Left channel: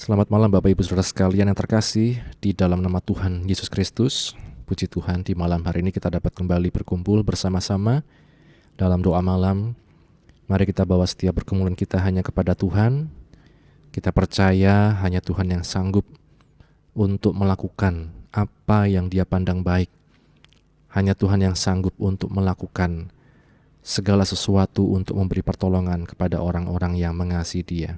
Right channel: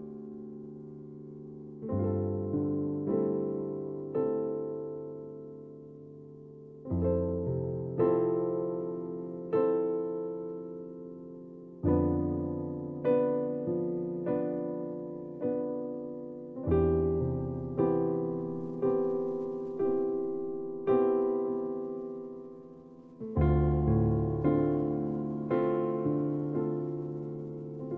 Selamat malam Bapak Ibu Saudara sekalian yang terkasih di dalam nama Tuhan Yesus Kristus. Puji Tuhan, di malam hari ini kita dapat kembali berkumpul bersama-sama dalam doa malam. Mari kita bawa setiap pergumulan kita hanya kepada Tuhan. Kita percaya hanya Tuhan yang sanggup untuk melakukan apa yang Dia pandang baik. Hanya Tuhan yang sanggup untuk melakukan segala sesuatu untuk memberi pertolongan kepada orang-orang yang mengasihi Dia.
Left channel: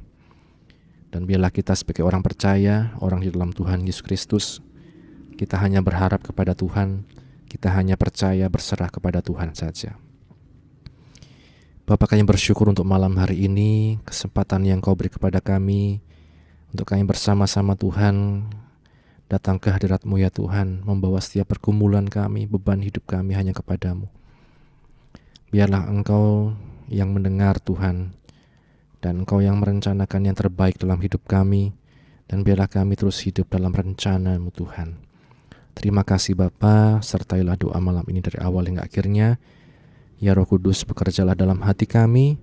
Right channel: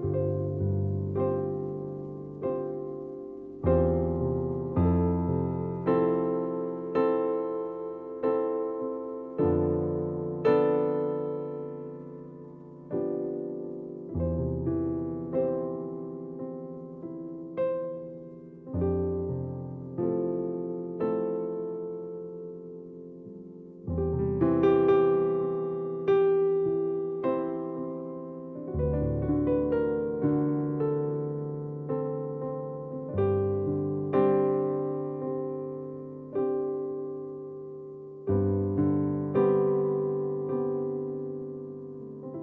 Dan biarlah kita sebagai orang percaya, orang di dalam Tuhan Yesus Kristus, kita hanya berharap kepada Tuhan, kita hanya percaya berserah kepada Tuhan saja. Bapa, kami bersyukur untuk malam hari ini, kesempatan yang Kau beri kepada kami, untuk kami bersama-sama Tuhan, datang ke hadirat-Mu ya Tuhan, membawa setiap pergumulan kami, beban hidup kami hanya kepada-Mu. Biarlah Engkau yang mendengar Tuhan, dan Engkau yang merencanakan yang terbaik dalam hidup kami, dan biarlah kami terus hidup dalam rencana-Mu Tuhan. Terima kasih Bapa, sertailah doa malam ini dari awal hingga akhirnya. Ya Roh Kudus, bekerjalah dalam hati kami,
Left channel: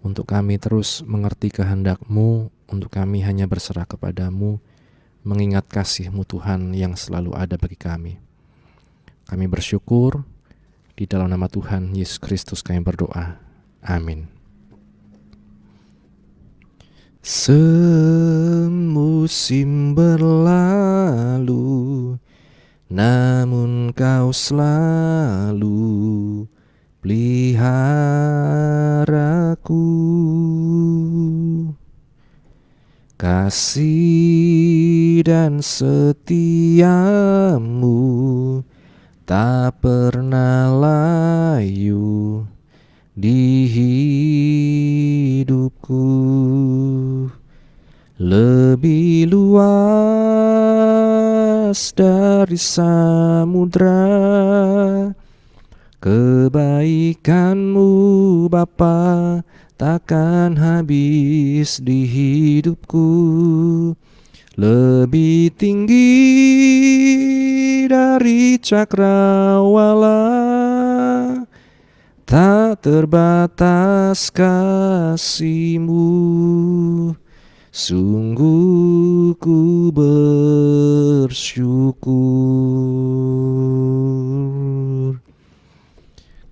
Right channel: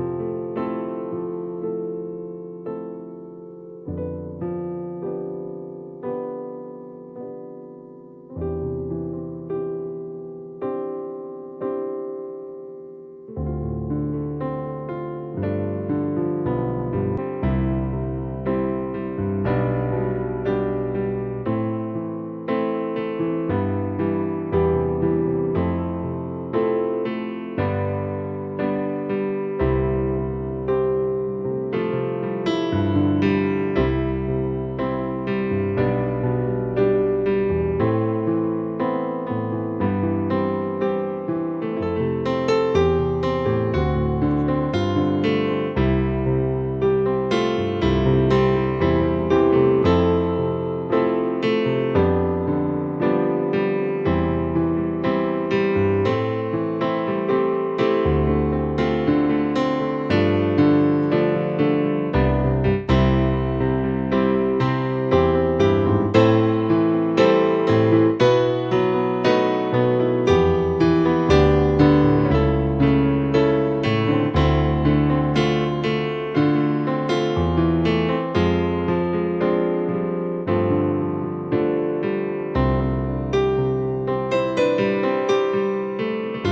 untuk kami terus mengerti kehendak-Mu, untuk kami hanya berserah kepada-Mu, mengingat kasih-Mu Tuhan yang selalu ada bagi kami. Kami bersyukur, di dalam nama Tuhan Yesus Kristus kami berdoa. Amin. Semusim berlalu, namun Kau selalu peliharaku. Kasih dan setia-Mu tak pernah layu di hidupku. Lebih luas dari samudra kebaikan-Mu Bapa, takkan habis di hidupku. Lebih tinggi dari cakrawala, tak terbatas kasih-Mu. Sungguh ku bersyukur.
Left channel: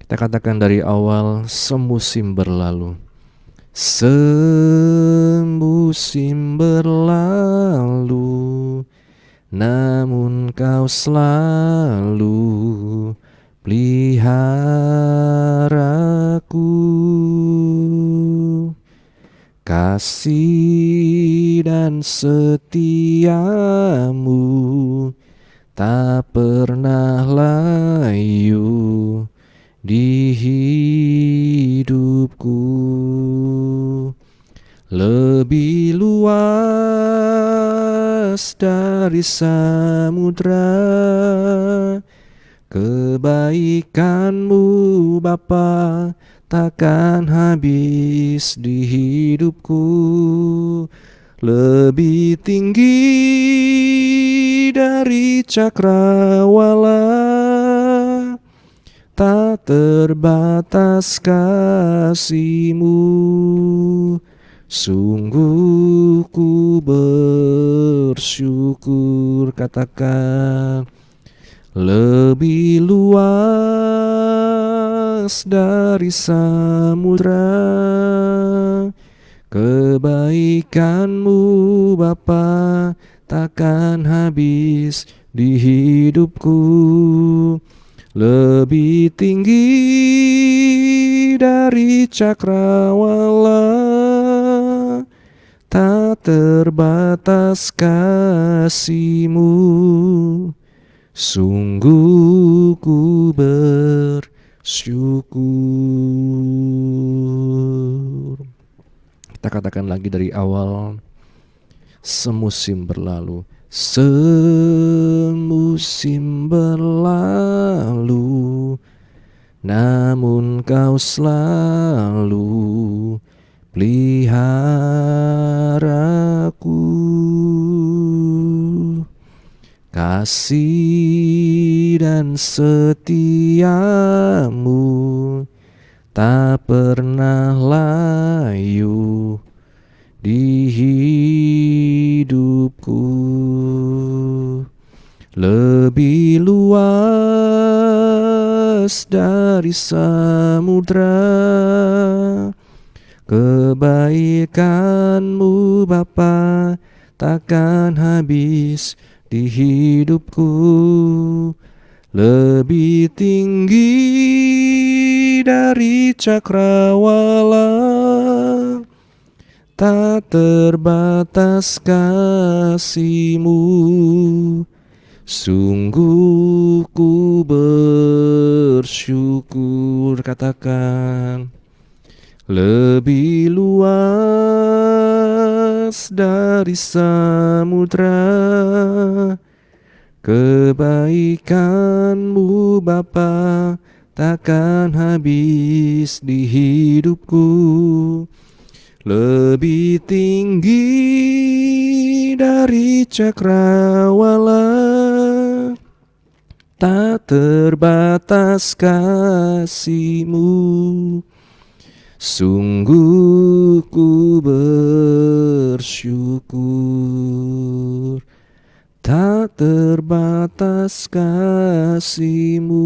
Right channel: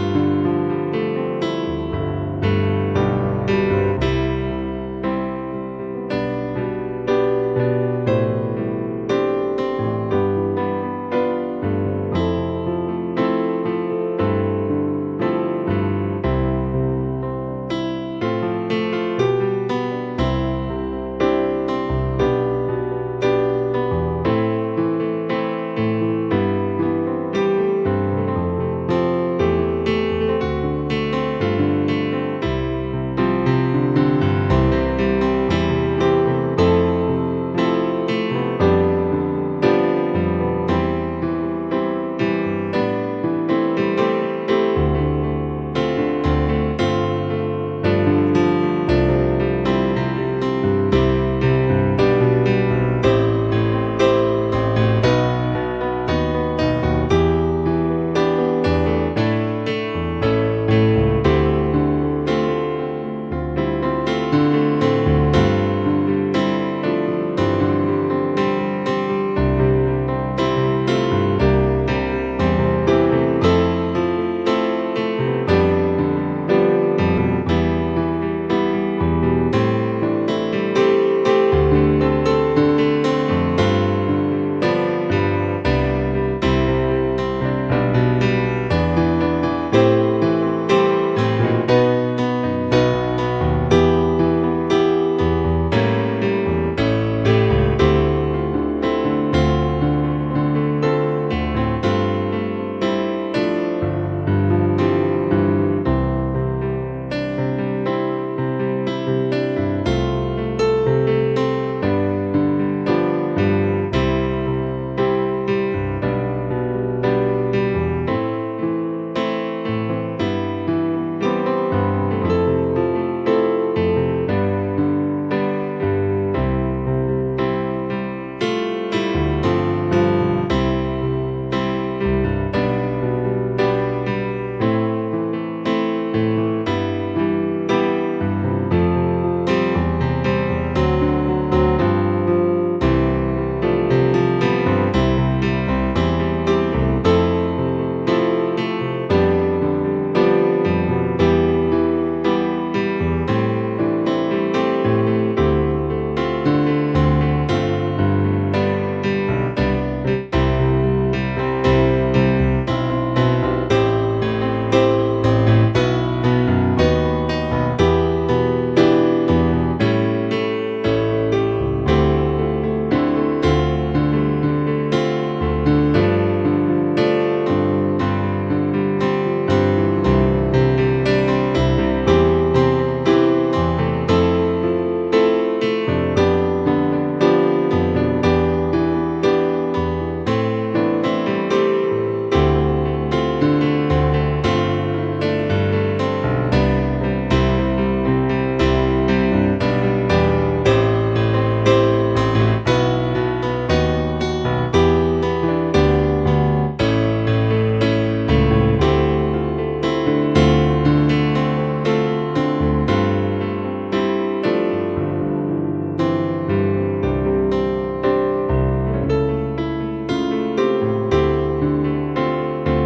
Kita katakan dari awal, semusim berlalu. Semusim berlalu, namun Kau selalu peliharaku. Kasih dan setia-Mu tak pernah layu di hidupku. Lebih luas dari samudra kebaikan-Mu Bapa, takkan habis di hidupku. Lebih tinggi dari cakrawala, tak terbatas kasih-Mu. Sungguh ku bersyukur. Katakan, lebih luas dari samudra kebaikan-Mu Bapa, takkan habis di hidupku. Lebih tinggi dari cakrawala, tak terbatas kasih-Mu. Sungguh ku bersyukur. Kita katakan lagi dari awal, semusim berlalu. Semusim berlalu, namun Kau selalu peliharaku. Kasih dan setia-Mu tak pernah layu di hidupku. samudra. Kebaikan-Mu Bapa takkan habis di hidupku. Lebih tinggi dari cakrawala, tak terbatas kasih-Mu. Sungguh ku bersyukur, katakan, lebih luas dari samudra. Kebaikan-Mu Bapa takkan habis di hidupku. Lebih tinggi dari cakrawala, tak terbatas kasih-Mu. Sungguh ku bersyukur, tak terbatas kasih-Mu.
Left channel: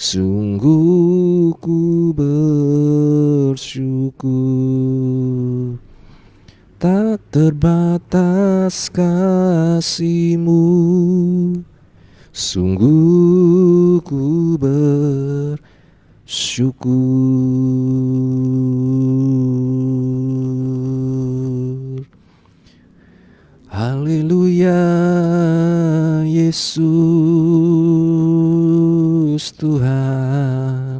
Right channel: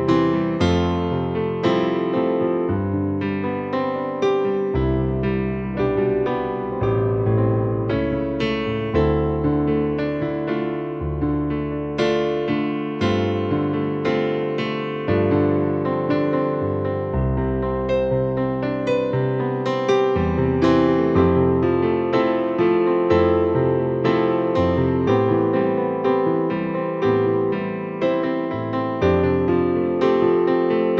Sungguh ku bersyukur, tak terbatas kasih-Mu. Sungguh ku bersyukur. Haleluya, Yesus Tuhan.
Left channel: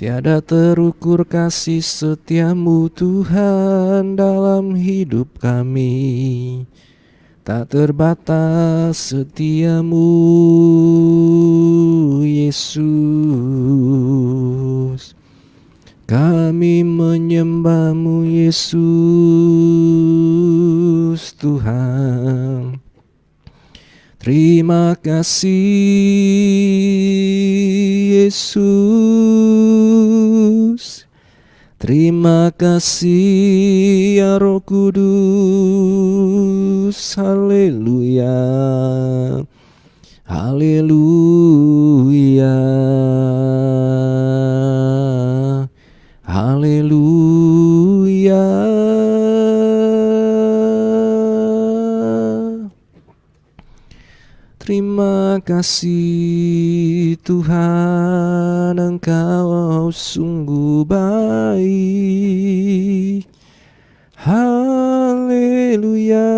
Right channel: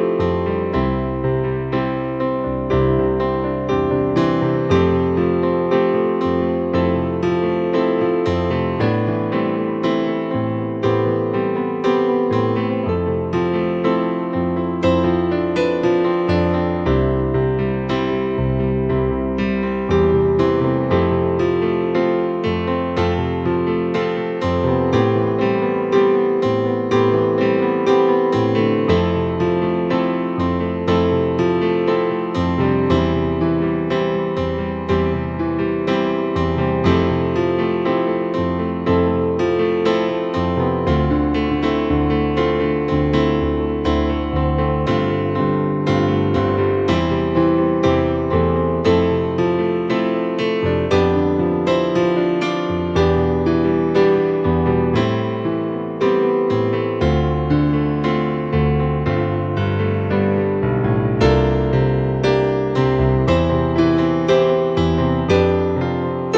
Tiada terukur kasih setia-Mu Tuhan dalam hidup kami. Tak terbatas setia-Mu, Yesus. Kami menyembah-Mu, Yesus Tuhan. Terima kasih, Yesus. Terima kasih, ya Roh Kudus. Haleluya, haleluya, haleluya. Terima kasih Tuhan, Engkau sungguh baik. Haleluya.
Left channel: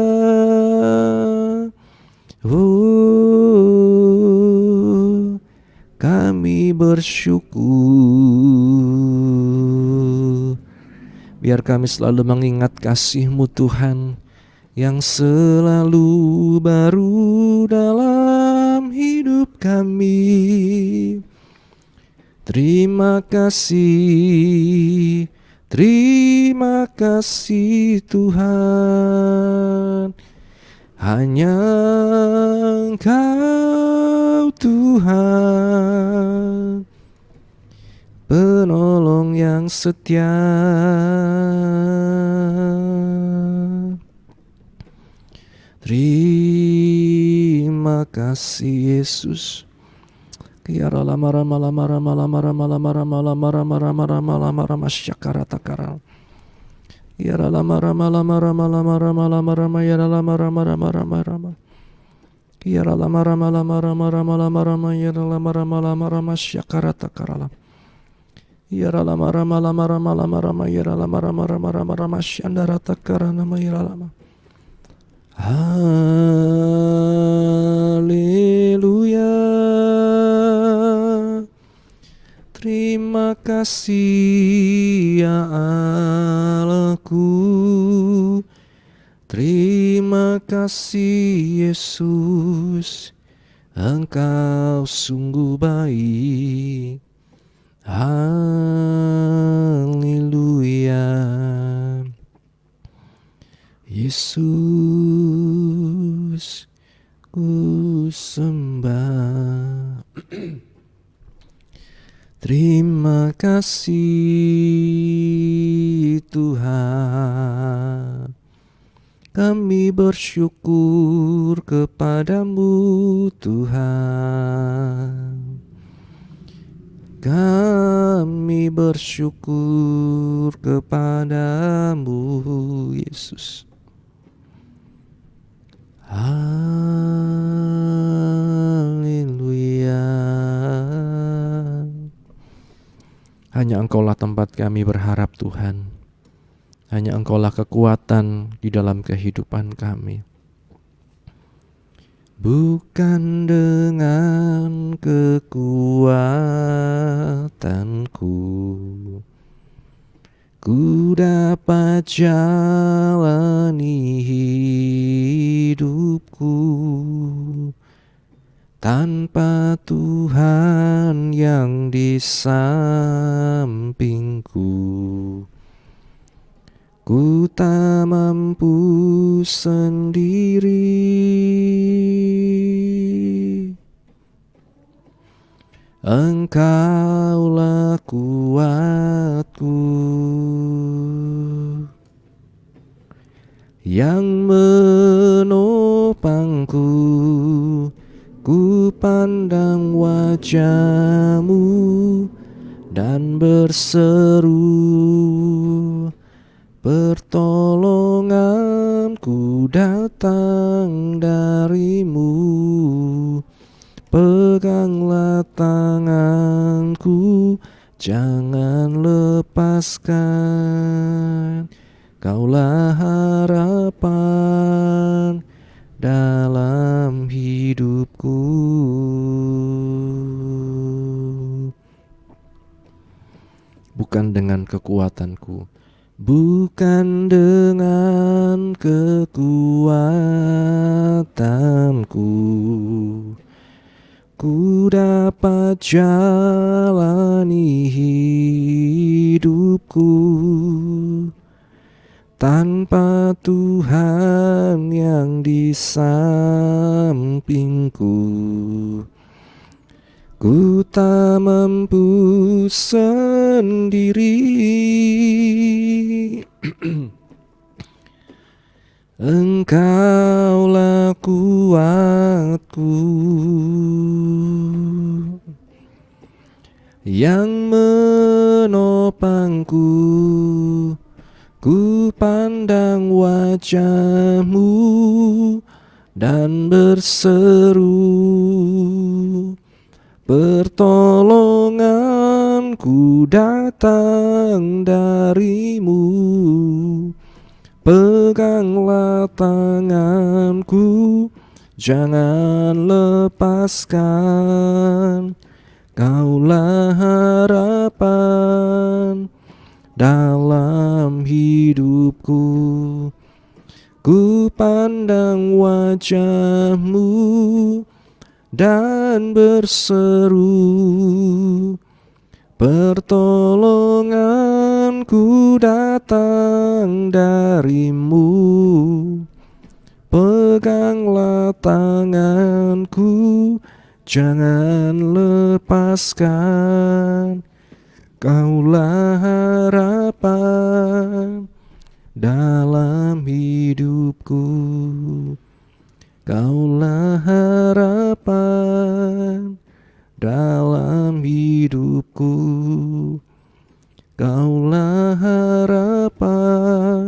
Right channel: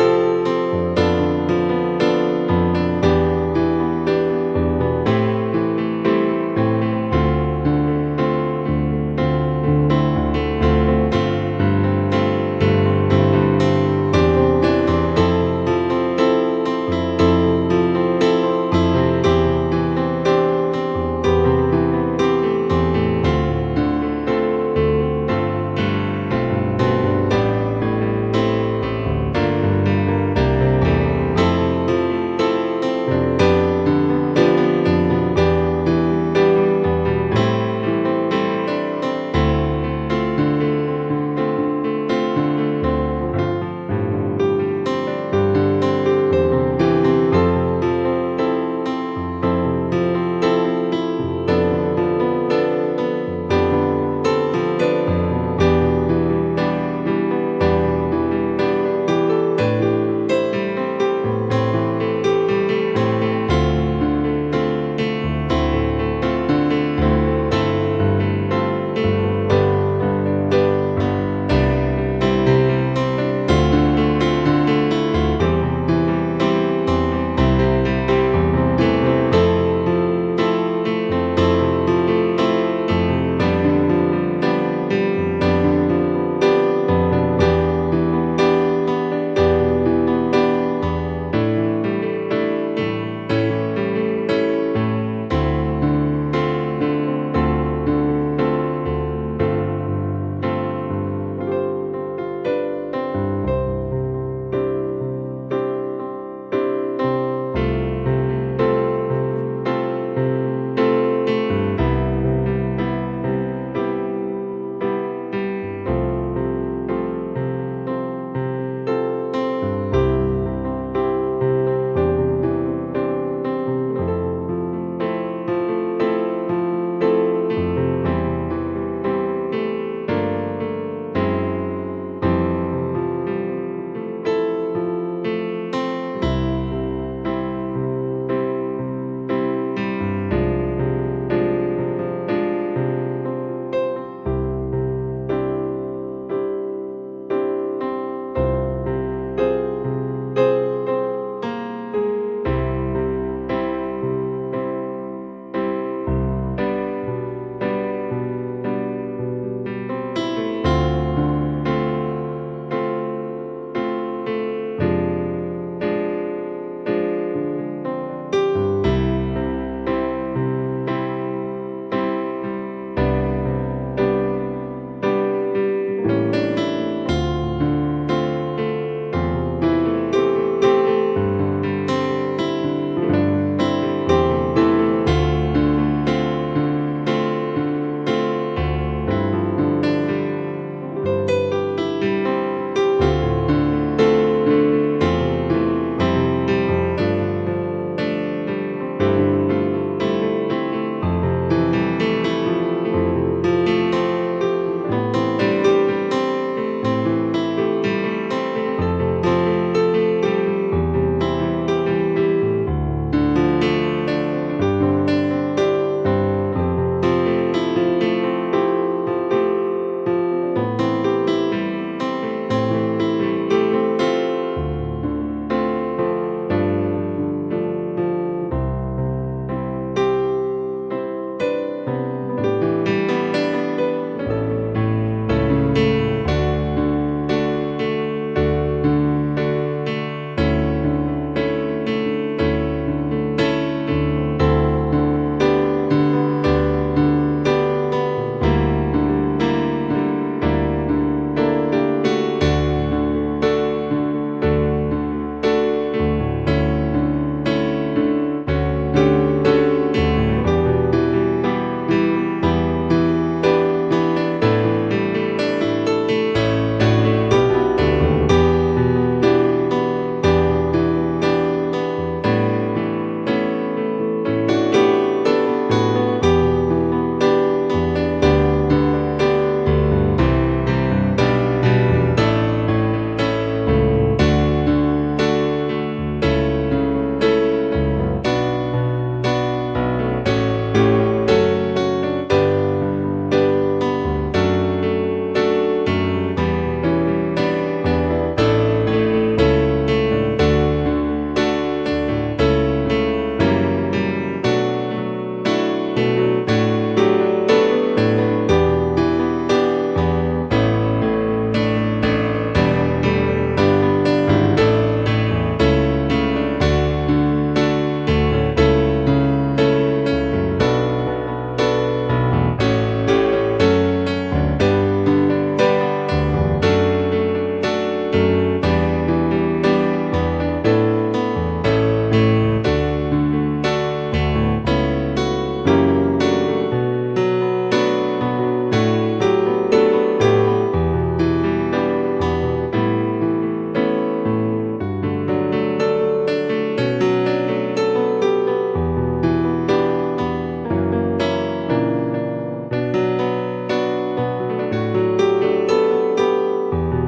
Kami bersyukur. Biar kami selalu mengingat kasih-Mu Tuhan, yang selalu baru dalam hidup kami. Terima kasih, terima kasih Tuhan. Hanya Engkau Tuhan, penolong yang setia. Terima kasih Yesus. Ya lama lama lama lama lama lama lama lama lama lama lama lama lama syakara takara. Ya lama lama lama lama lama lama lama lama ya lama lama lama lama lama. Ya lama lama lama lama lama lama lama ya lama lama lama lama syakara takara. Ya lama lama lama lama lama lama ya lama lama lama lama lama syakara takara. Yesus, ku sembah. Terima kasih Tuhan, kami bersyukur kepada-Mu Tuhan. Engkaulah kekuatan di dalam kehidupan kami. Bukan dengan kekuatanku ku dapat jalani hidupku, tanpa Tuhan yang di sampingku ku tak mampu sendiri. Engkaulah kuatku yang menopangku. Ku pandang wajah-Mu dan berseru, pertolonganku datang dari-Mu. Peganglah tanganku, jangan lepaskan. Kaulah harapan dalam hidupku. Bukan dengan kekuatanku, bukan dengan kekuatanku ku dapat jalani hidupku, tanpa Tuhan yang di sampingku ku tak mampu sendiri. Engkaulah kuatku yang menopangku. Ku pandang wajah-Mu dan berseru, pertolonganku datang dari-Mu. Peganglah tanganku, jangan lepaskan. Kaulah harapan dalam hidupku. Ku pandang wajah-Mu dan berseru, pertolonganku datang dari-Mu. Peganglah tanganku, jangan lepaskan. Kaulah harapan dalam hidupku. Kaulah harapan dalam hidupku. Kaulah harapan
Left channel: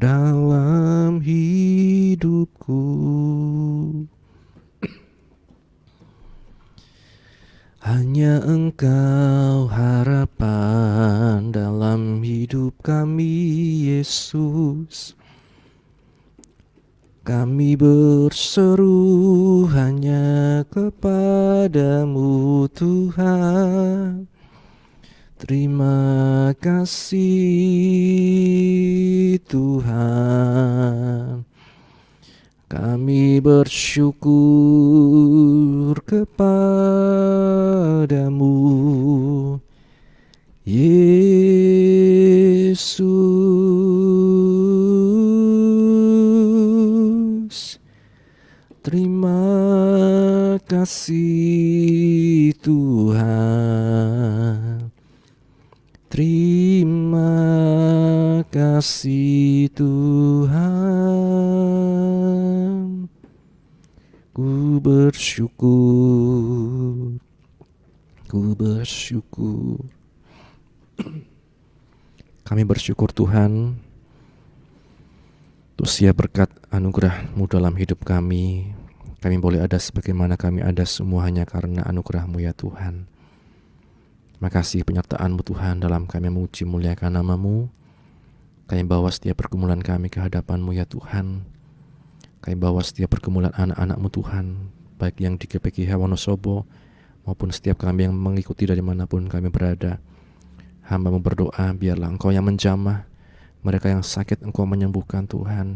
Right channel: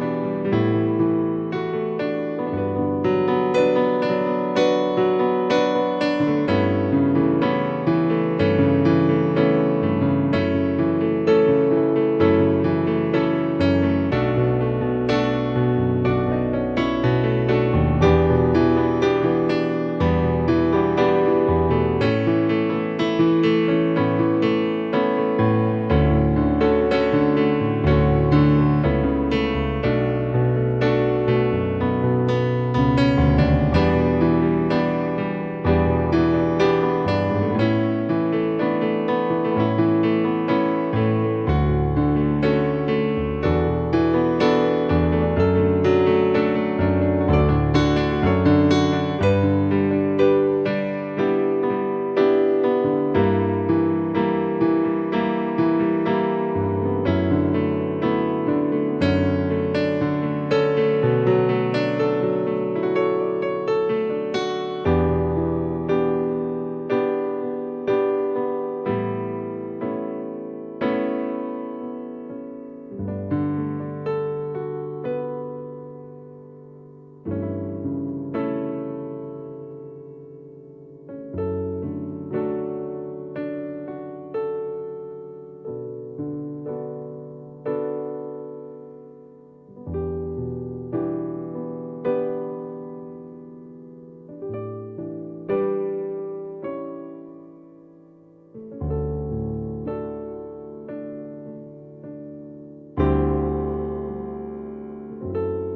dalam hidupku. Hanya Engkau harapan dalam hidup kami, Yesus. Kami berseru hanya kepada-Mu, Tuhan. Terima kasih, Tuhan. Kami bersyukur kepada-Mu, Yesus. Terima kasih, Tuhan. Terima kasih, Tuhan. Ku bersyukur, ku bersyukur. Kami bersyukur Tuhan untuk setiap berkat anugerah-Mu dalam hidup kami. Kami boleh ada sebagaimana kami ada semua hanya karena anugerah-Mu ya Tuhan. Terima kasih penyertaan-Mu Tuhan dalam kami memuji muliakan nama-Mu. Kami bawa setiap pergumulan kami ke hadapan-Mu ya Tuhan. Kami bawa setiap pergumulan anak-anak-Mu Tuhan, baik yang di GPKH Wonosobo maupun setiap kami yang mengikuti dari manapun kami berada. Hamba-Mu berdoa, biarlah Engkau yang menjamah, mereka yang sakit Engkau menyembuhkan Tuhan,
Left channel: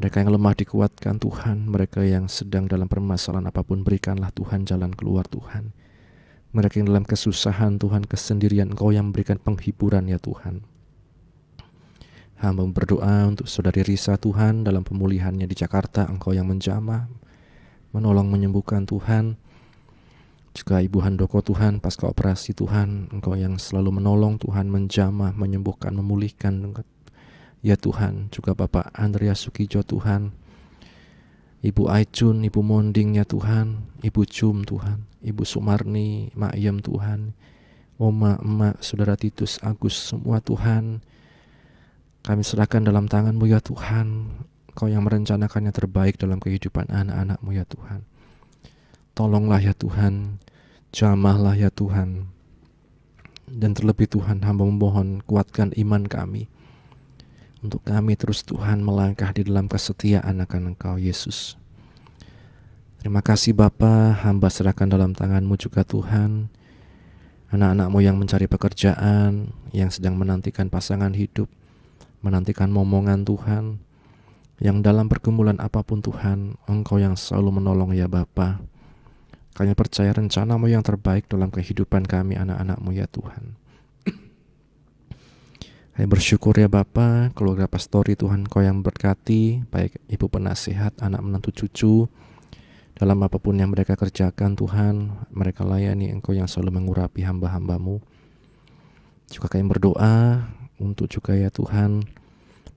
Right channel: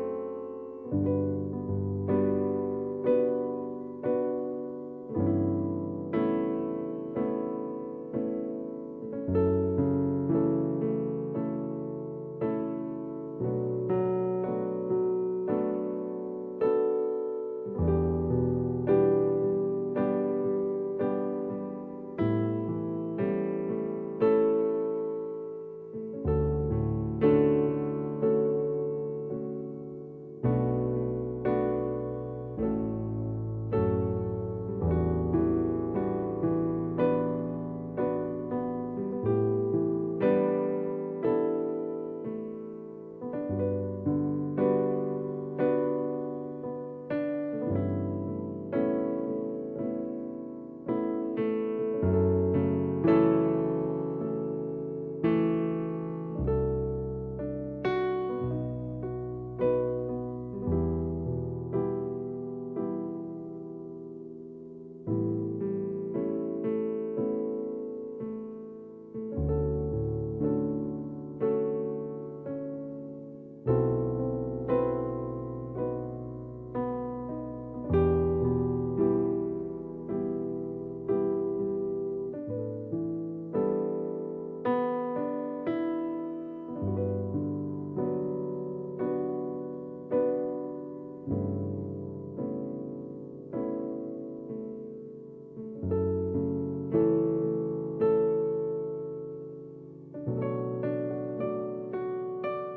mereka yang lemah dikuatkan Tuhan, mereka yang sedang dalam permasalahan apapun berikanlah Tuhan jalan keluar Tuhan. Mereka yang dalam kesusahan Tuhan, kesendirian, Engkau yang memberikan penghiburan ya Tuhan. Hamba berdoa untuk saudari Risa Tuhan, dalam pemulihannya di Jakarta Engkau yang menjamah, menolong menyembuhkan Tuhan. Juga Ibu Handoko Tuhan, pasca operasi Tuhan, Engkau yang selalu menolong Tuhan, menjamah, menyembuhkan, memulihkan ya Tuhan. Juga Bapak Andreas Sukijo Tuhan, Ibu Aicun, Ibu Monding ya Tuhan, Ibu Jum Tuhan, Ibu Sumarni, Mak Yem Tuhan, Oma, Emak, Saudara Titus, Agus, semua Tuhan, kami serahkan dalam tangan-Mu ya Tuhan. Engkau yang merencanakan yang terbaik dalam kehidupan anak-anak-Mu ya Tuhan. Tolonglah ya Tuhan, jamahlah ya Tuhan. Dan terlebih Tuhan, hamba memohon kuatkan iman kami, untuk kami terus Tuhan melangkah di dalam kesetiaan akan Engkau Yesus. Terima kasih Bapa, hamba serahkan dalam tangan-Mu juga Tuhan. Anak-anak-Mu yang mencari pekerjaan, yang sedang menantikan pasangan hidup, menantikan momongan Tuhan, yang dalam pergumulan apapun Tuhan, Engkau yang selalu menolong ya Bapa. Kami percaya rencana-Mu yang terbaik dalam kehidupan kami anak-anak-Mu ya Tuhan. Kami bersyukur ya Bapa, keluarga pastori Tuhan Engkau yang berkati, baik ibu penasihat, anak menantu cucu, dalam apapun yang mereka kerjakan Tuhan, mereka layani Engkau yang selalu mengurapi hamba-hamba-Mu. Juga kami berdoa untuk juga ya Tuhan,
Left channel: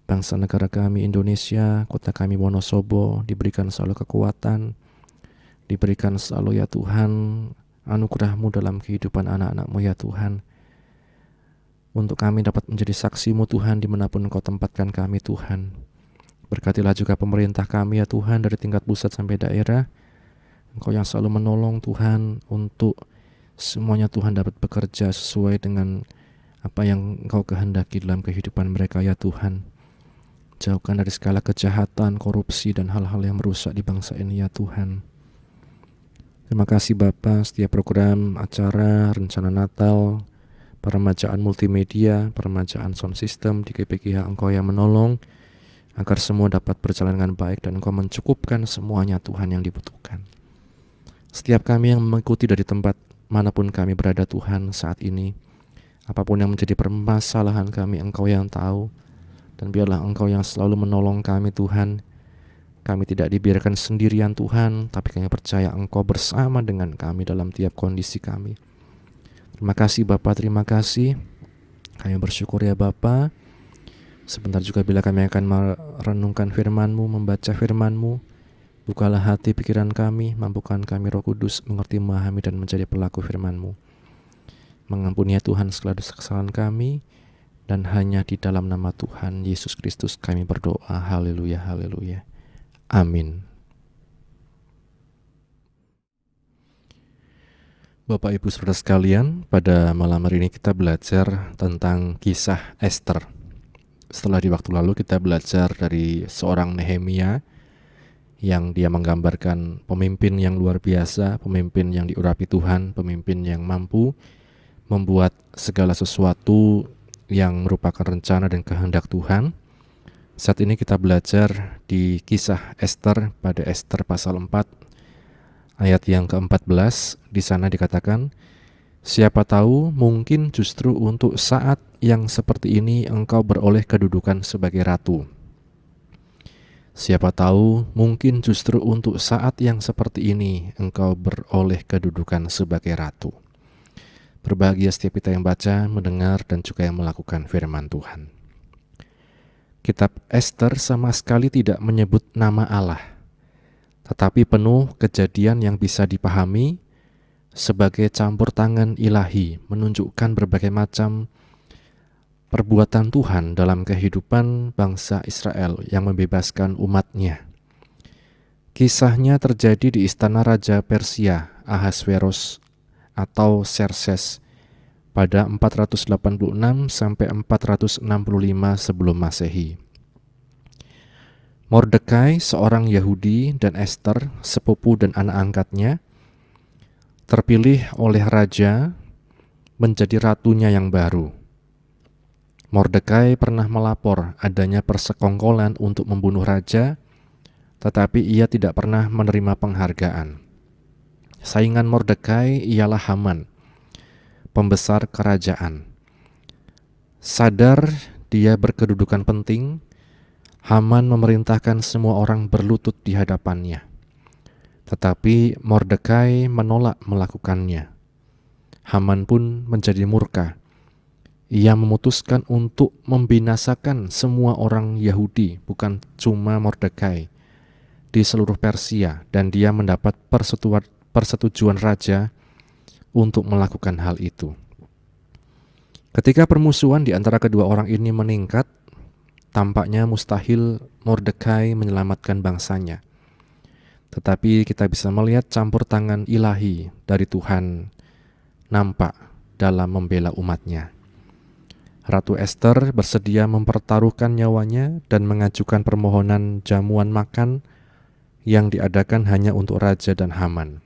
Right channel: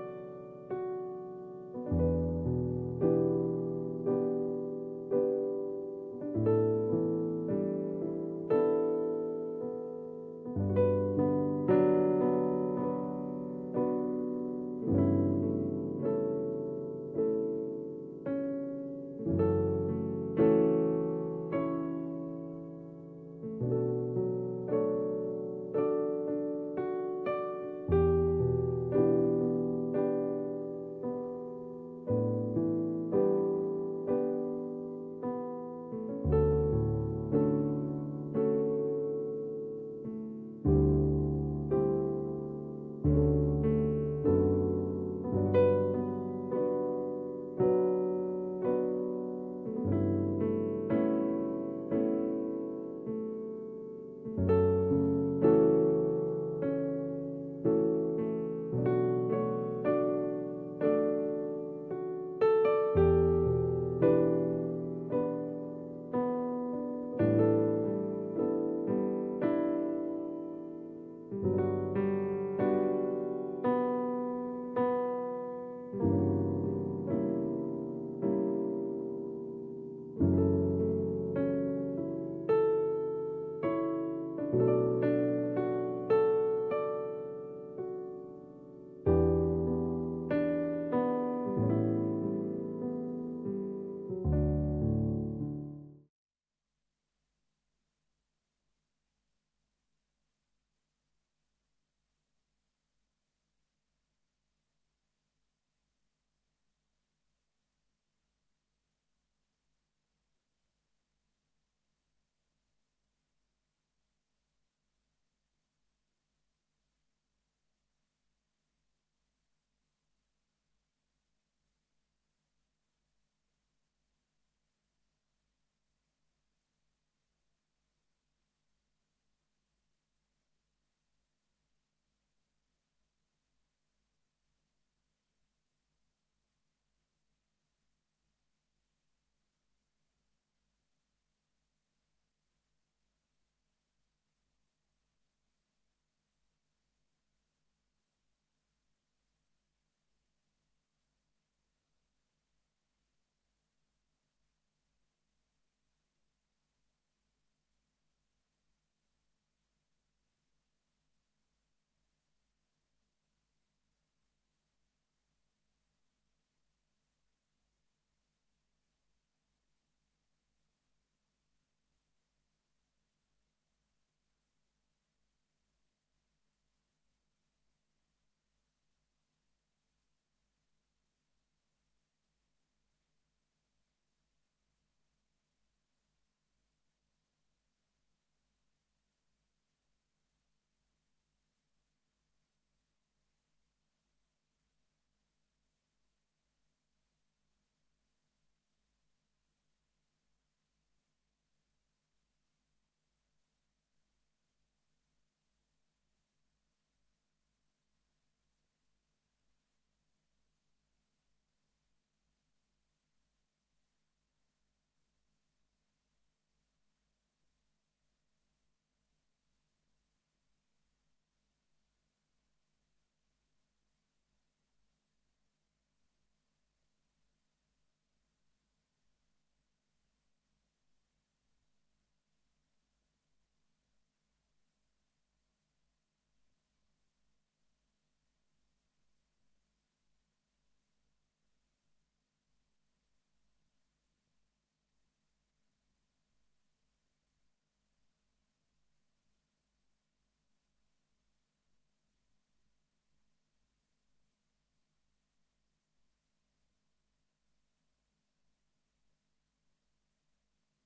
bangsa negara kami Indonesia, kota kami Wonosobo, diberikan selalu kekuatan, diberikan selalu ya Tuhan anugerah-Mu dalam kehidupan anak-anak-Mu ya Tuhan, untuk kami dapat menjadi saksi-Mu Tuhan dimanapun Engkau tempatkan kami Tuhan. Berkatilah juga pemerintah kami ya Tuhan, dari tingkat pusat sampai daerah, Engkau yang selalu menolong Tuhan, untuk semuanya Tuhan dapat bekerja sesuai dengan apa yang Engkau kehendaki dalam kehidupan mereka ya Tuhan. Jauhkan dari segala kejahatan, korupsi, dan hal-hal yang merusak di bangsa ini ya Tuhan. Terima kasih Bapa, setiap program, acara, rencana Natal, peremajaan multimedia, peremajaan sound system di GPKH Engkau yang menolong, agar semua dapat berjalan dengan baik dan Engkau mencukupkan semuanya Tuhan yang dibutuhkan. Setiap kami yang mengikuti dari tempat manapun kami berada Tuhan saat ini, apapun yang menjadi permasalahan kami, Engkau yang tahu. Dan biarlah Engkau yang selalu menolong kami Tuhan. Kami tidak dibiarkan sendirian Tuhan, tapi kami percaya Engkau bersama dengan kami dalam tiap kondisi kami. Terima kasih Bapa, terima kasih. Kami bersyukur ya Bapa. Sebentar juga bila kami akan merenungkan firman-Mu, membaca firman-Mu, bukalah hati pikiran kami, mampukan kami Roh Kudus mengerti, memahami, dan menjadi pelaku firman-Mu. Mengampuni ya Tuhan segala dosa kesalahan kami, dan hanya di dalam nama Tuhan Yesus Kristus kami berdoa. Haleluya, haleluya. Amin. Bapak Ibu Saudara sekalian, pada malam hari ini kita belajar tentang kisah Ester. Setelah di waktu lalu kita belajar dari seorang Nehemia, yang dia menggambarkan pemimpin yang luar biasa, pemimpin yang diurapi Tuhan, pemimpin yang mampu membuat segala sesuatu yang merupakan rencana dan kehendak Tuhan. Saat ini kita belajar di kisah Ester pada Ester pasal 4 ayat yang ke-14. Di sana dikatakan, siapa tahu mungkin justru untuk saat yang seperti ini engkau beroleh kedudukan sebagai ratu. Siapa tahu mungkin justru untuk saat yang seperti ini engkau beroleh kedudukan sebagai ratu. Berbahagia setiap kita yang baca, mendengar, dan juga yang melakukan firman Tuhan. Kitab Ester sama sekali tidak menyebut nama Allah, tetapi penuh kejadian yang bisa dipahami sebagai campur tangan ilahi, menunjukkan berbagai macam perbuatan Tuhan dalam kehidupan bangsa Israel yang membebaskan umatnya. Kisahnya terjadi di istana Raja Persia, Ahasveros atau Xerxes, pada 486 sampai 465 sebelum Masehi. Mordekai, seorang Yahudi, dan Ester, sepupu dan anak angkatnya, terpilih oleh raja menjadi ratunya yang baru. Mordekai pernah melapor adanya persekongkolan untuk membunuh raja, tetapi ia tidak pernah menerima penghargaan. Saingan Mordekai ialah Haman, pembesar kerajaan. Sadar dia berkedudukan penting, Haman memerintahkan semua orang berlutut di hadapannya. Tetapi Mordekai menolak melakukannya. Haman pun menjadi murka. Ia memutuskan untuk membinasakan semua orang Yahudi, bukan cuma Mordekai, di seluruh Persia, dan dia mendapat persetujuan raja untuk melakukan hal itu. Ketika permusuhan di antara kedua orang ini meningkat, tampaknya mustahil Mordekai menyelamatkan bangsanya. Tetapi kita bisa melihat campur tangan ilahi dari Tuhan nampak dalam membela umatnya. Ratu Ester bersedia mempertaruhkan nyawanya dan mengajukan permohonan jamuan makan yang diadakan hanya untuk raja dan Haman.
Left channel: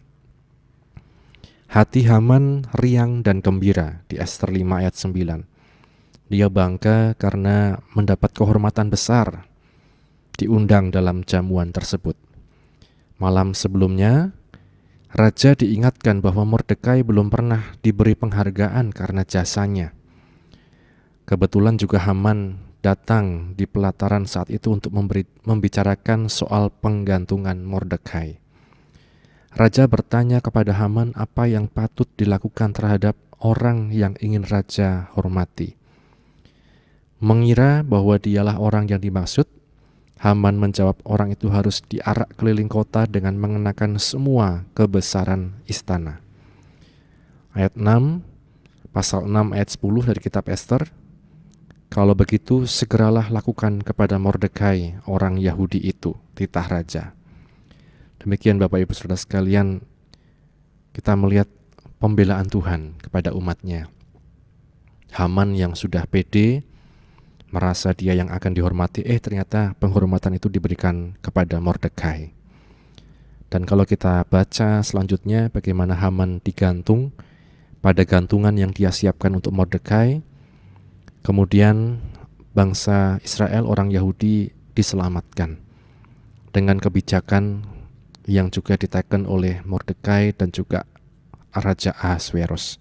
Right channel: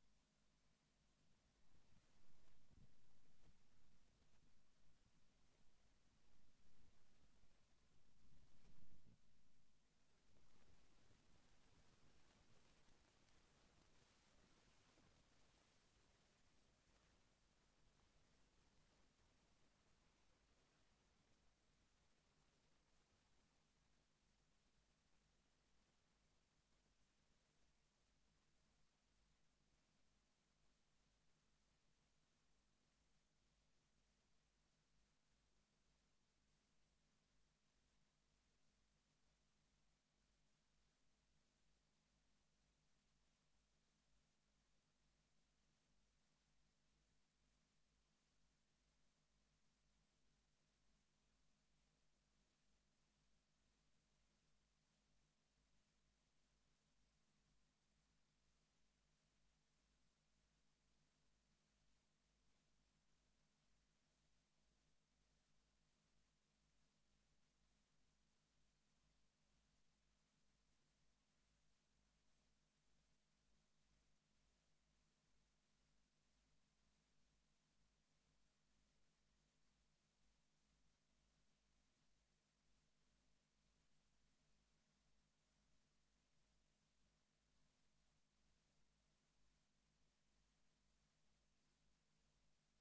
Hati Haman riang dan gembira di Ester 5 ayat 9. Dia bangga karena mendapat kehormatan besar diundang dalam jamuan tersebut. Malam sebelumnya, raja diingatkan bahwa Mordekai belum pernah diberi penghargaan karena jasanya. Kebetulan juga Haman datang di pelataran saat itu untuk membicarakan soal penggantungan Mordekai. Raja bertanya kepada Haman apa yang patut dilakukan terhadap orang yang ingin raja hormati. Mengira bahwa dialah orang yang dimaksud, Haman menjawab orang itu harus diarak keliling kota dengan mengenakan semua kebesaran istana. Ayat 6, pasal 6 ayat 10 dari kitab Ester. Kalau begitu segeralah lakukan kepada Mordekai orang Yahudi itu, titah raja. Demikian Bapak Ibu Saudara sekalian, kita melihat pembelaan Tuhan kepada umatnya. Haman yang sudah pede, merasa dia yang akan dihormati, ternyata penghormatan itu diberikan kepada Mordekai. Dan kalau kita baca selanjutnya bagaimana Haman digantung pada gantungan yang dia siapkan untuk Mordekai, kemudian bangsa Israel, orang Yahudi, diselamatkan dengan kebijakan yang juga diteken oleh Mordekai dan juga Raja Ahasveros.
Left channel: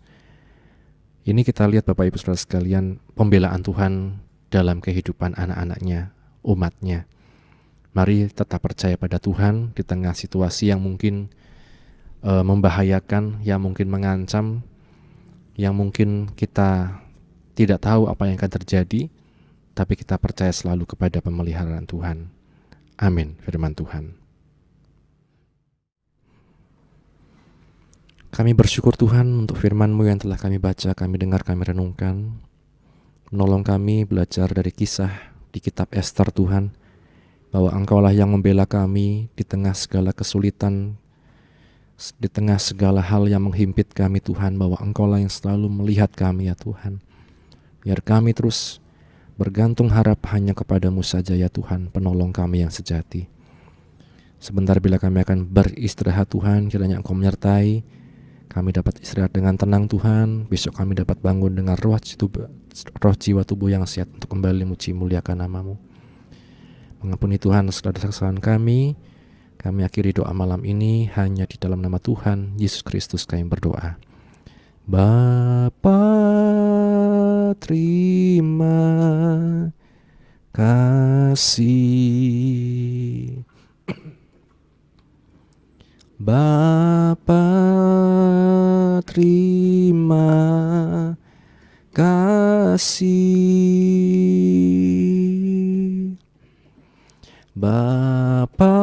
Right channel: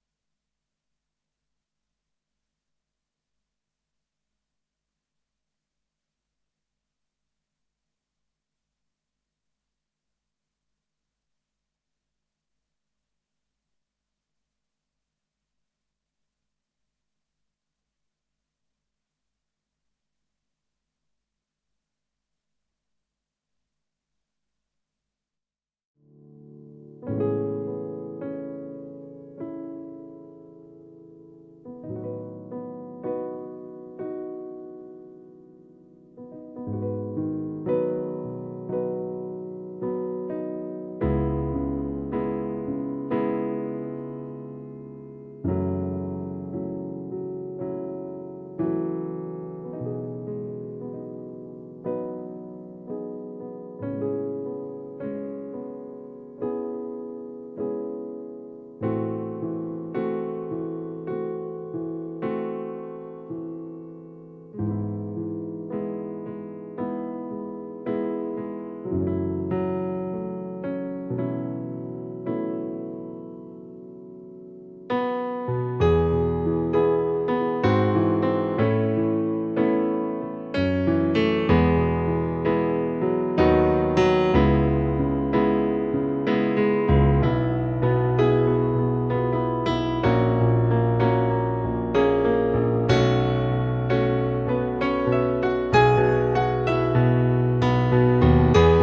Ini kita lihat Bapak Ibu Saudara sekalian, pembelaan Tuhan dalam kehidupan anak-anaknya, umatnya. Mari tetap percaya pada Tuhan di tengah situasi yang mungkin membahayakan, yang mungkin mengancam, yang mungkin kita tidak tahu apa yang akan terjadi, tapi kita percaya selalu kepada pemeliharaan Tuhan. Amin. Firman Tuhan. Kami bersyukur Tuhan untuk firman-Mu yang telah kami baca, kami dengar, kami renungkan. Menolong kami belajar dari kisah di kitab Ester Tuhan, bahwa Engkau-Lah yang membela kami di tengah segala kesulitan, di tengah segala hal yang menghimpit kami Tuhan, bahwa Engkau-Lah yang selalu melihat kami ya Tuhan. Biar kami terus bergantung harap hanya kepada-Mu saja ya Tuhan, penolong kami yang sejati. Sebentar bila kami akan beristirahat Tuhan, kiranya Engkau menyertai kami, dapat istirahat dengan tenang Tuhan. Besok kami dapat bangun dengan roh jiwa tubuh yang sehat untuk kembali muji muliakan nama-Mu. Mengampuni Tuhan segala kesalahan kami. Kami akhiri doa malam ini hanya di dalam nama Tuhan Yesus Kristus kami berdoa. Bapa, terima kasih. Bapa, terima kasih. Bapa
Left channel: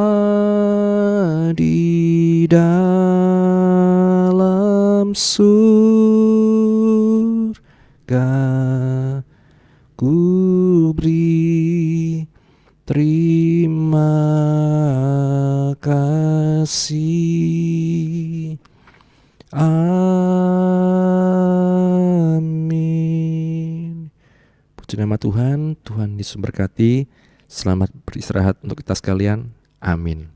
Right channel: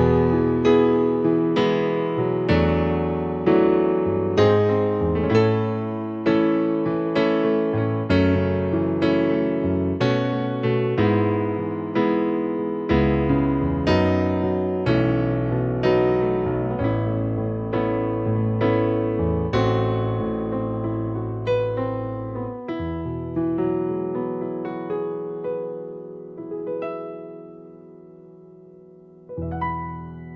di dalam surga, Puji nama Tuhan, Tuhan Yesus berkati. Selamat beristirahat untuk kita sekalian. Amin.